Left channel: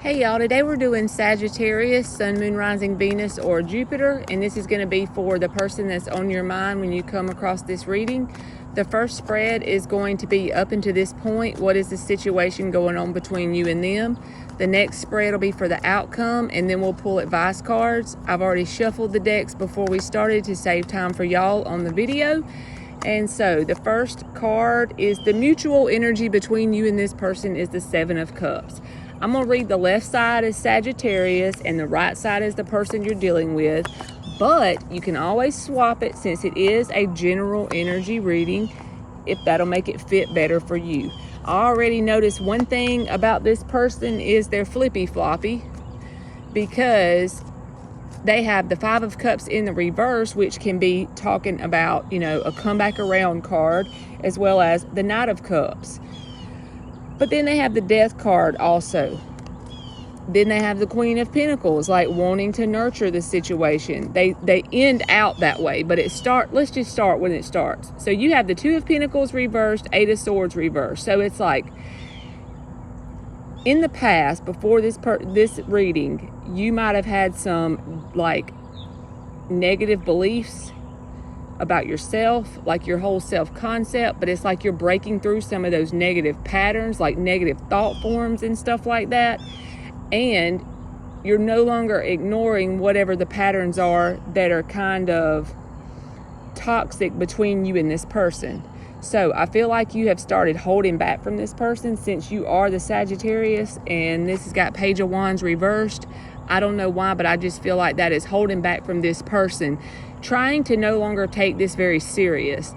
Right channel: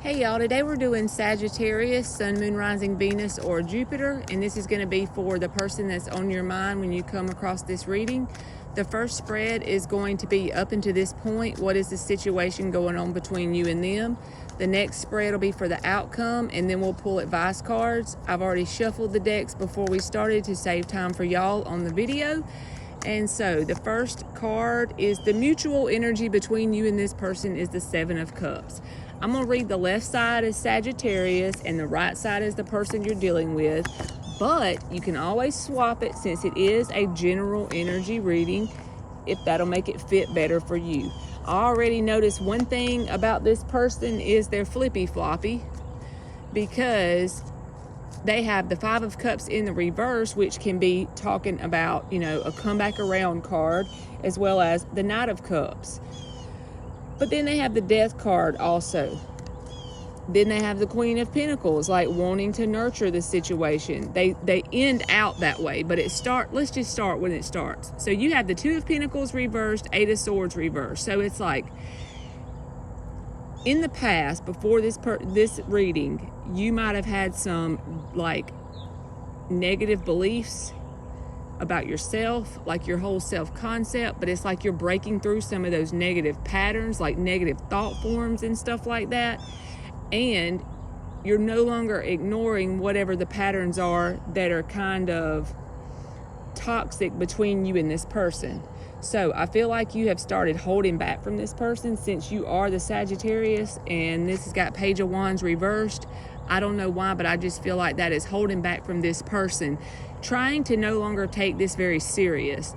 Hey y'all, today we're doing Sagittarius, Sun, Moon, Rising, Venus, or Jupiter, and this is going to be for the person that's on your mind when you come across this reading. The first spread is going to be up until this point. What is the situation going on between you and them? The next spread will be for the outcome, and then we'll pull advice cards. I've already shuffled the decks before we started to save time for y'all on the video. And so the first card is the mutual energy between you and this person is the Seven of Cups. I'm going to read the left side as Sagittarius and the right side as the person you're dealing with, but you can always swap it since it is a general energy reading, if that'll make it fit better for you. I already noticed one thing about this person is they're flippy floppy, because they have the Five of Cups in the reverse, which can be talking about, a comeback around card, as well as the Knight of Cups. But then they have the Death card also. Then they have the Queen of Pentacles, like wanting to nurture the situation. They end out that way, but let's just start when it starts. So you have the Two of Pentacles reversed, Eight of Swords reversed. So it's like, in the past, before this reading, you might have had some like negative beliefs about yourself, like your whole self-concept, but it's like you're breaking through some of those negative patterns, like negative thought forms and stuff like that, and you're no longer ignoring whatever the patterns are that are kind of toxic between you and this person. So I feel like you have started holding back from this person since you are the Sagittarius, and this has got Page of Wands reversed. I don't know why, but I just feel like that is holding back from this person, trying to no longer take this very serious,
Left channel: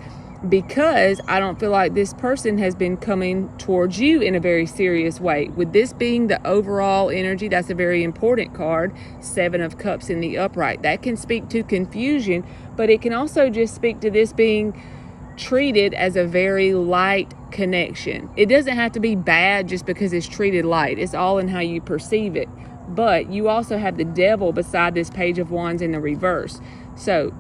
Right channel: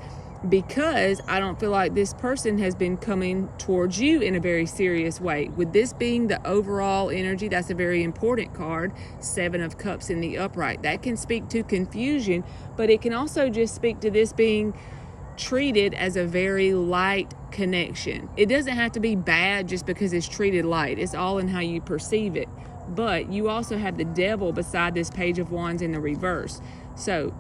because I don't feel like this person has been coming towards you in a very serious way. With this being the overall energy, that's a very important card, Seven of Cups in the upright. That can speak to confusion, but it can also just speak to this being treated as a very light connection. It doesn't have to be bad just because it's treated light. It's all in how you perceive it. But you also have the Devil beside this Page of Wands in the reverse. So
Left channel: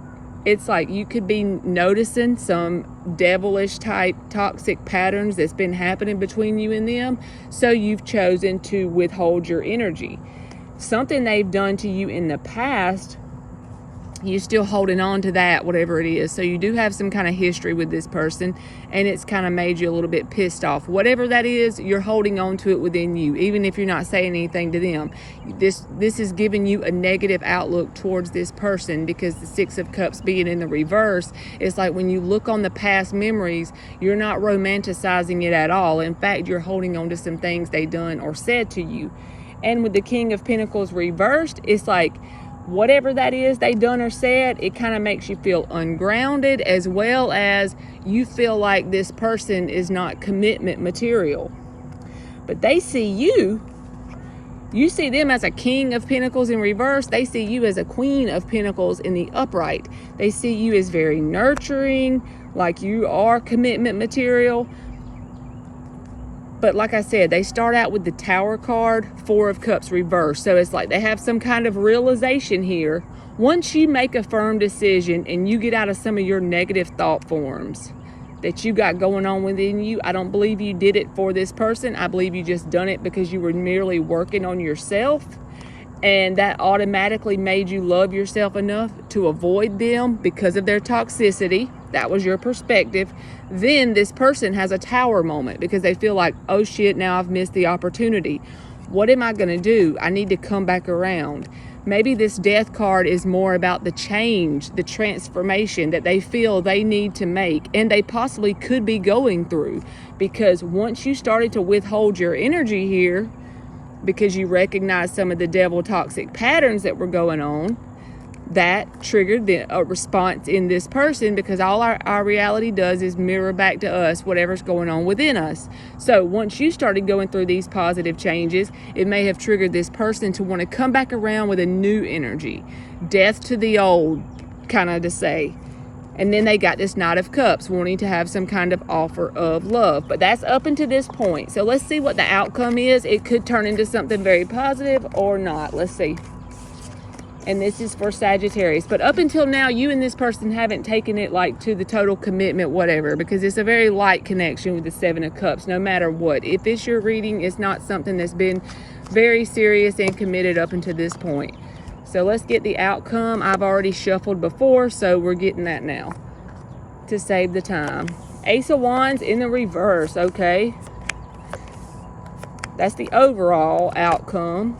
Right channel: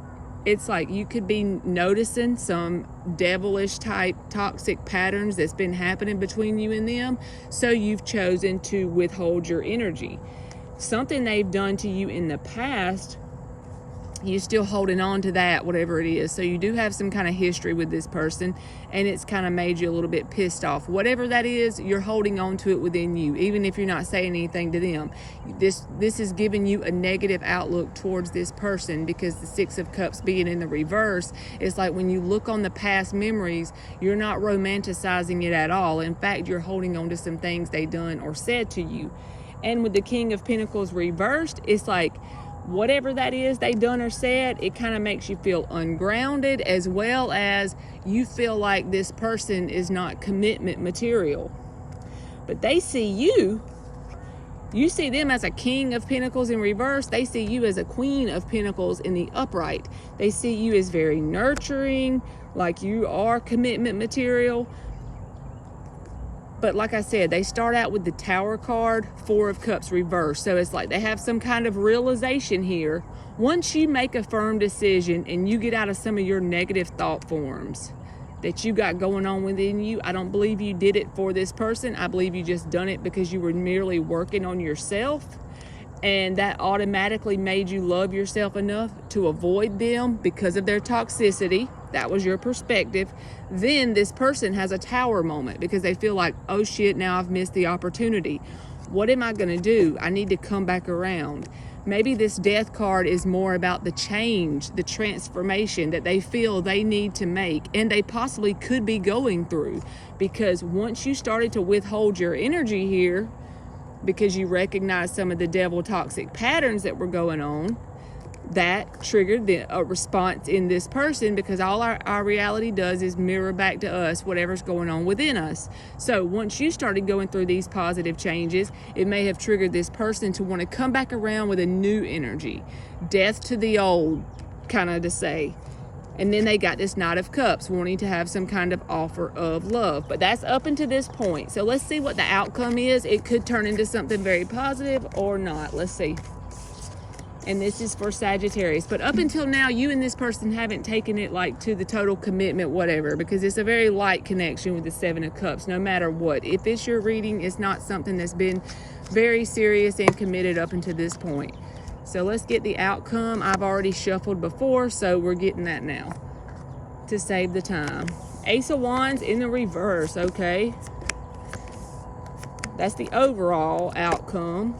it's like you could be noticing some devilish type toxic patterns that's been happening between you and them. So you've chosen to withhold your energy. Something they've done to you in the past, you're still holding on to that, whatever it is. So you do have some kind of history with this person, and it's kind of made you a little bit pissed off. Whatever that is, you're holding on to it within you, even if you're not saying anything to them. This is giving you a negative outlook towards this person, because the Six of Cups being in the reverse, it's like when you look on the past memories, you're not romanticizing it at all. In fact, you're holding on to some things they done or said to you. And with the King of Pentacles reversed, it's like, whatever that is they done or said, it kind of makes you feel ungrounded, as well as you feel like this person is not commitment material. But they see you see them as a King of Pentacles in reverse. They see you as a Queen of Pentacles in the upright. They see you as very nurturing, like you are commitment material. But like I said, they start out with the Tower card, Four of Cups reversed. So it's like they have some kind of realization here. Once you make a firm decision and you get out of some of your negative thought forms that you got going on within you, I don't believe you did it for this person. I believe you just done it because you were merely working on yourself. And that automatically made you love yourself enough to avoid them because of their toxicity. That was your perspective. Then this person has a Tower moment because they feel like, oh shit, now I've missed the opportunity. What am I gonna do? I need to come back around. Maybe this Death card is more about the change, the transformation that they feel they need to make, and they possibly could be going through. Because once you started to withhold your energy here, because you recognize some of the devil toxic patterns that were going on, that triggered a response in this person, because all our reality does is mirror back to us whatever's going on within us. So once you started going through these positive changes, it may have triggered this person to want to come back around with a new energy. Death to the old, kind of to say. And then they got this Knight of Cups, wanting to have some kind of offer of love. But that's up until this point. So let's see what the outcome is. It could turn into something very positive or not. Let's see. And this is for Sagittarius. But up until now, you and this person haven't taken it like to the total commitment, whatever, because it's a very light connection with the Seven of Cups, no matter what. If it's your reading, it's not something that's been very serious and committed up until this point. So let's get the outcome. I've already shuffled before, so we're getting that now to save the time. Ace of Wands in the reverse, okay? That's the overall outcome.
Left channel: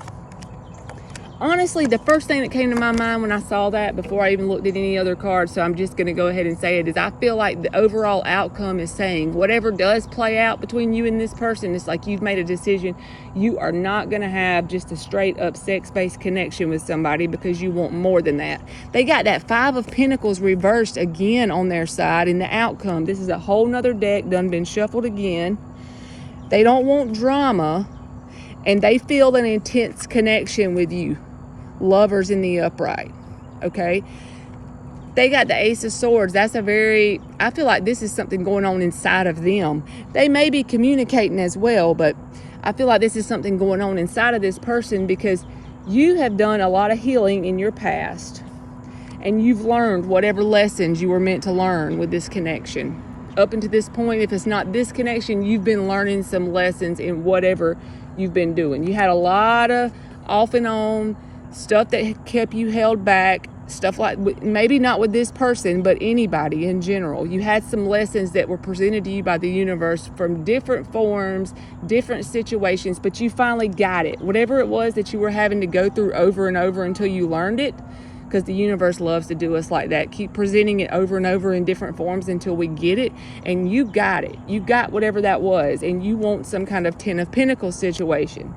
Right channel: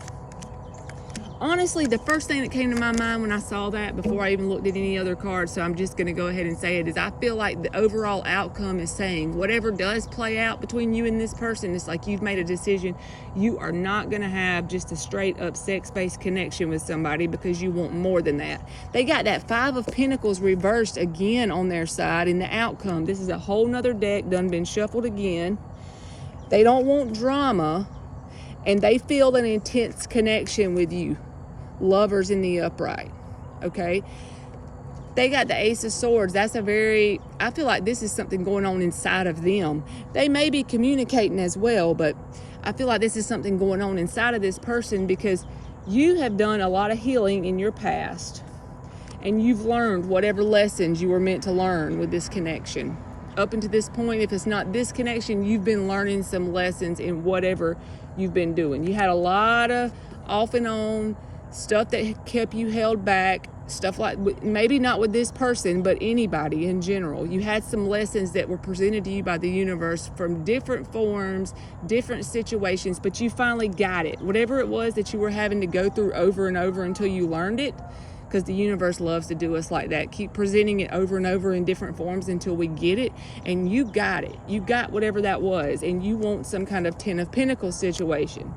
Honestly, the first thing that came to my mind when I saw that, before I even looked at any other cards, so I'm just going to go ahead and say it, is I feel like the overall outcome is saying whatever does play out between you and this person, it's like you've made a decision. You are not going to have just a straight up sex-based connection with somebody because you want more than that. They got that Five of Pentacles reversed again on their side in the outcome. This is a whole nother deck done been shuffled again. They don't want drama, and they feel an intense connection with you. Lovers in the upright, okay? They got the Ace of Swords. That's a very, I feel like this is something going on inside of them. They may be communicating as well, but I feel like this is something going on inside of this person because you have done a lot of healing in your past and you've learned whatever lessons you were meant to learn with this connection. Up until this point, if it's not this connection, you've been learning some lessons in whatever you've been doing. You had a lot of off and on stuff that kept you held back, stuff like, maybe not with this person, but anybody in general. You had some lessons that were presented to you by the universe from different forms, different situations, but you finally got it. Whatever it was that you were having to go through over and over until you learned it, because the universe loves to do us like that. Keep presenting it over and over in different forms until we get it, and you got it. You got whatever that was, and you want some kind of Ten of Pentacles situation.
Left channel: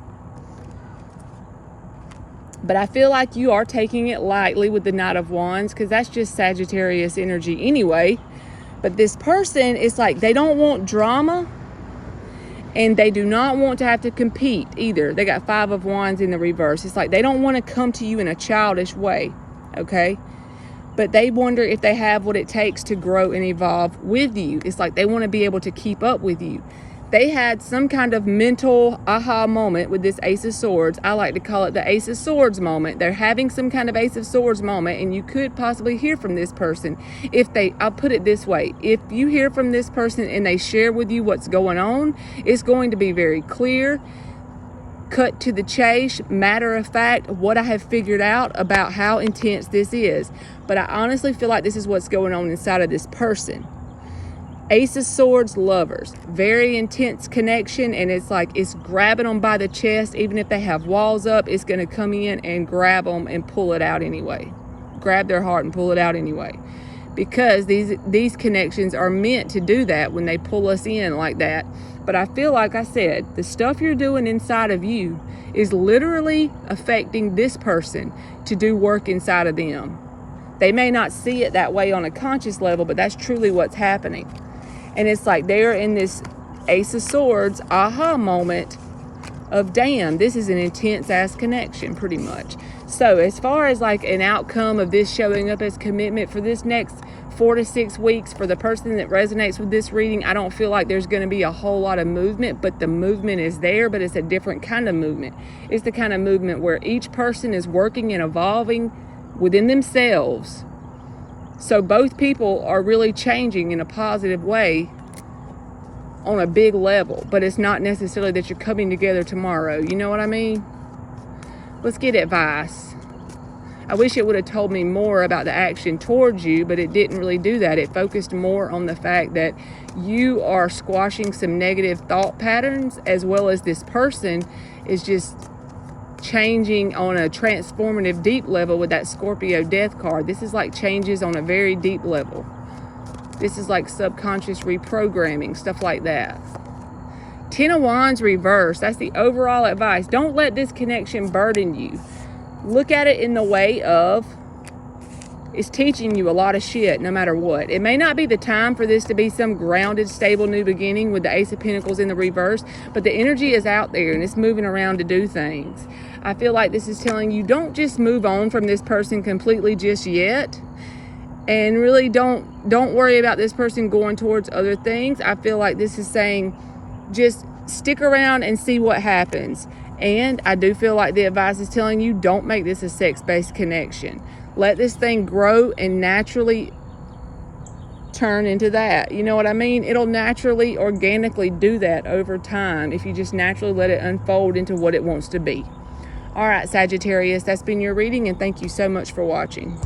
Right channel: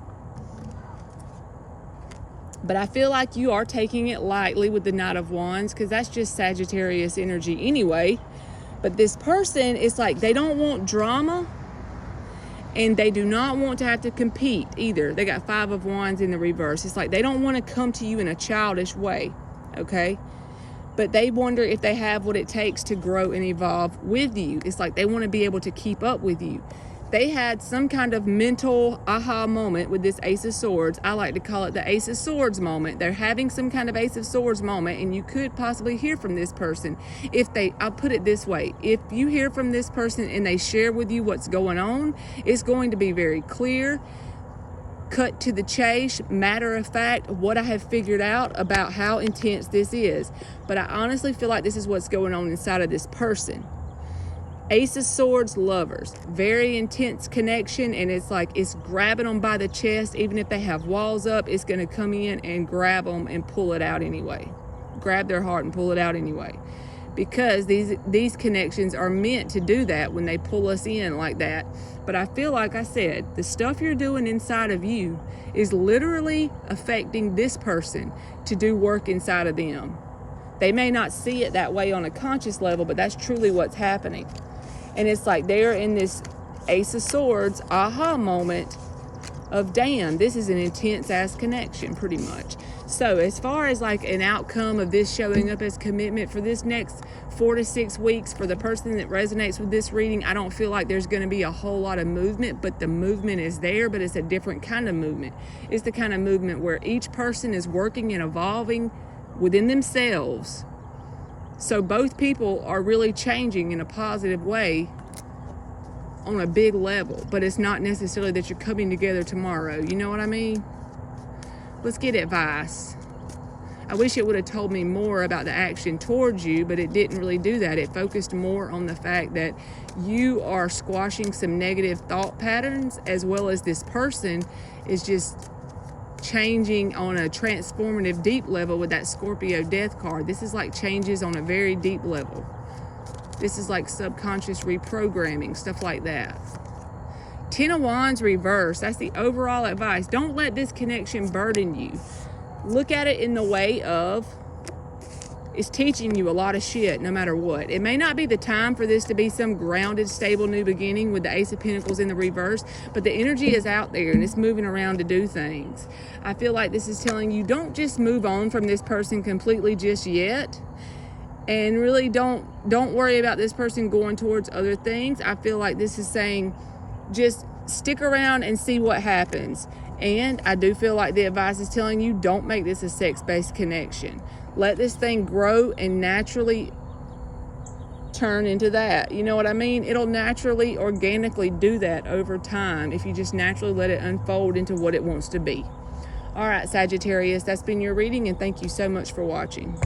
But I feel like you are taking it lightly with the Knight of Wands because that's just Sagittarius energy anyway. But this person, it's like they don't want drama and they do not want to have to compete either. They got Five of Wands in the reverse. It's like they don't want to come to you in a childish way, okay? But they wonder if they have what it takes to grow and evolve with you. It's like they want to be able to keep up with you. They had some kind of mental aha moment with this Ace of Swords. I like to call it the Ace of Swords moment. They're having some kind of Ace of Swords moment, and you could possibly hear from this person. I'll put it this way, if you hear from this person and they share with you what's going on, it's going to be very clear, cut to the chase, matter of fact, what I have figured out about how intense this is. But I honestly feel like this is what's going on inside of this person. Ace of Swords lovers, very intense connection, and it's like it's grabbing them by the chest. Even if they have walls up, it's going to come in and grab them and pull it out anyway. Grab their heart and pull it out anyway. Because these connections are meant to do that when they pull us in like that. But I feel like I said, the stuff you're doing inside of you is literally affecting this person to do work inside of them. They may not see it that way on a conscious level, but that's truly what's happening. And it's like they're in this Ace of Swords aha moment of, damn, this is an intense ass connection pretty much. So as far as like an outcome of this showing up as commitment for this next 4 to 6 weeks for the person that resonates with this reading, I don't feel like there's going to be a whole lot of movement, but the movement is there, but it's a different kind of movement. It's the kind of movement where each person is working and evolving within themselves. So both people are really changing in a positive way on a big level, but it's not necessarily that you're coming together tomorrow. You know what I mean? Let's get advice. I wish it would have told me more about the action towards you, but it didn't really do that. It focused more on the fact that you are squashing some negative thought patterns, as well as this person is just changing on a transformative deep level with that Scorpio death card. This is like changes on a very deep level. This is like subconscious reprogramming, stuff like that. Ten of Wands reverse, that's the overall advice. Don't let this connection burden you. Look at it in the way of, it's teaching you a lot of shit no matter what. It may not be the time for this to be some grounded, stable new beginning with the Ace of Pentacles in the reverse, but the energy is out there and it's moving around to do things. I feel like this is telling you, don't just move on from this person completely just yet. And really don't worry about this person going towards other things. I feel like this is saying, just stick around and see what happens. And I do feel like the advice is telling you, don't make this a sex-based connection. Let this thing grow and naturally turn into that. You know what I mean? It'll naturally, organically do that over time if you just naturally let it unfold into what it wants to be. All right, Sagittarius, that's been your reading, and thank you so much for watching.